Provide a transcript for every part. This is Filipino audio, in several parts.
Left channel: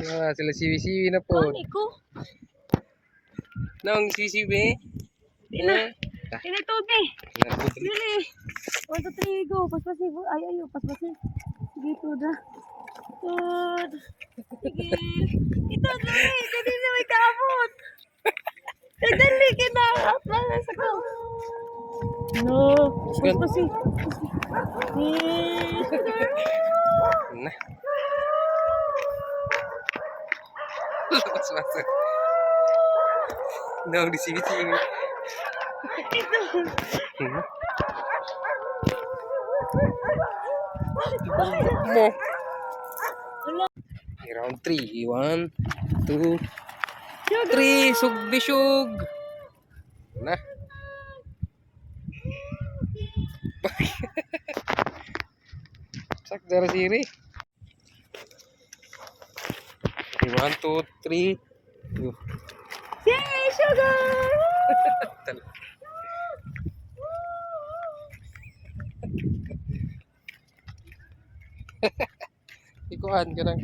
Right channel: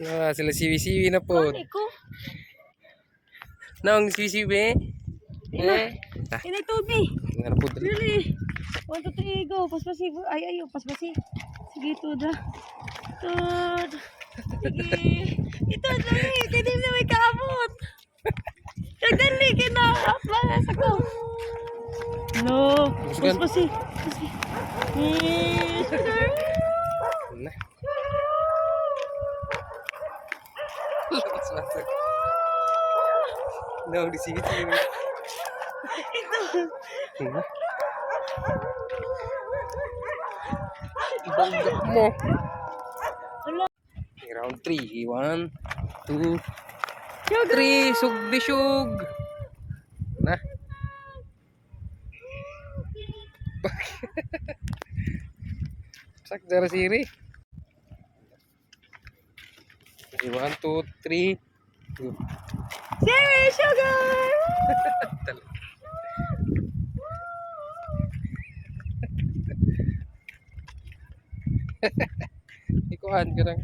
Sila siwi-siwi na po. Ano ko? Naong siwi-siwi? Tinay tubig. Narapod rin. Really? 1, 2, 3, go. Paspasi. Ay, paspasi. Sige, Tud. Tud. Sige. Ito, dali. Hindi na may kaabot. Dali, kinarap. Malas ako. No. Paspasi. Nah. Lepas-lepas. Naong di siwi-siwi. Ito. Bangga mo. Wala. Round 3. 1, 2, Sugar. 3. Sug di sug. Nah. Sak dari sini. 1, 2, 3. Yay, sugar. Ikuan ka lang.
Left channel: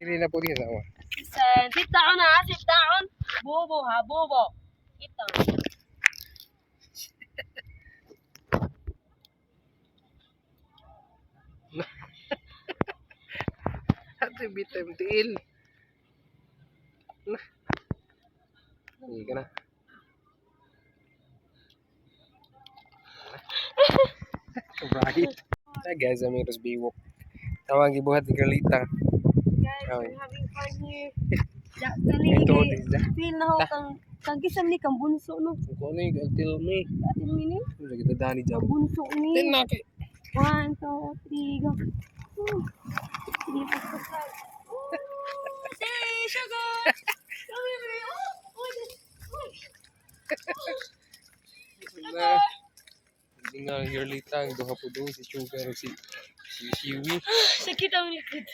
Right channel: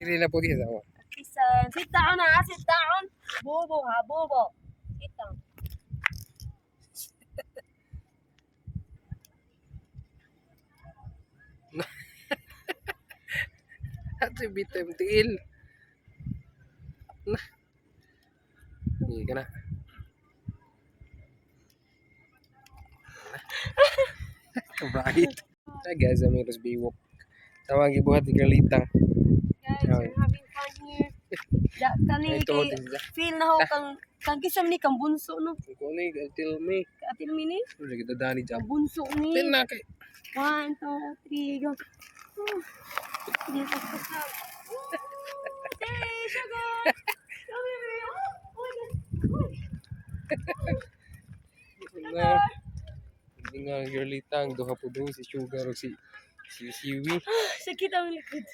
Hindi na po din ako. Listen, sit down ha, sit down. Bobo ha, bobo. Sit down. Ate bitem tiil. Nah. Hindi ka na. Kabahit. Guys, I'm Eros Biwok. Tawag ibuhat ni Galita. Guys, we're having fun here. Kani Ito, kay this is feel na ho kang kisam ni kang bunso no. kung ano yung atil mo eh. Atin mini. Wala kita dani jam. Bunso ni. Tin na kay. 1, 2, 3, go. Hindi pa sa. Say sugar. Come here. Na. Hindi nga Galita ang duha po doon si Sugar o si Siwi. Sakit ang likod.